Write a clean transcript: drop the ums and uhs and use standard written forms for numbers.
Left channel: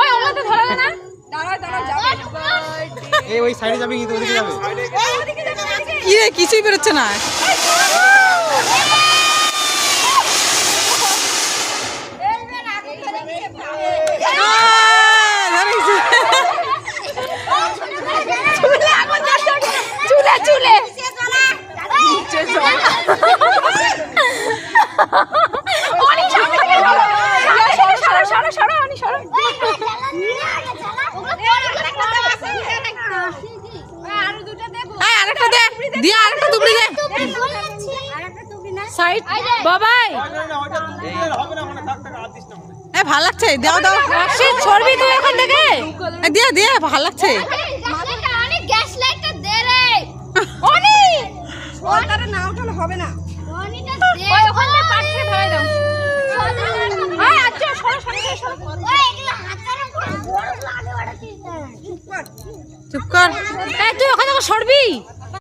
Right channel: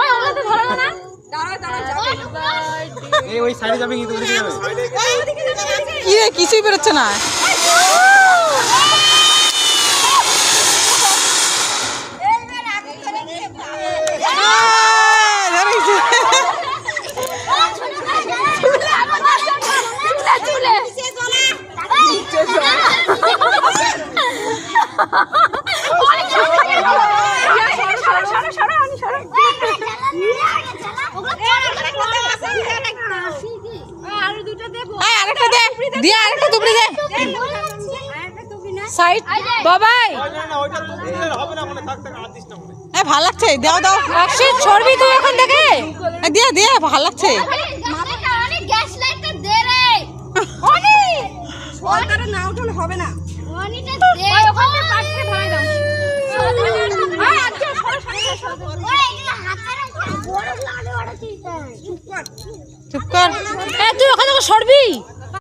ওই ওগুলো তো ধরবে না। এই ওই সাইডে যাবে কিন্তু ওদিকে যাবে। কি রে কিছুই বেরোচ্ছে না। বাবাই ভাল লাগছে, দাও দাও ছড়বি তুই এখন দেখে দিয়ে দিয়ে ভাল লাগছে। হবে না চুপ কর, তুই ওখানে সরবি।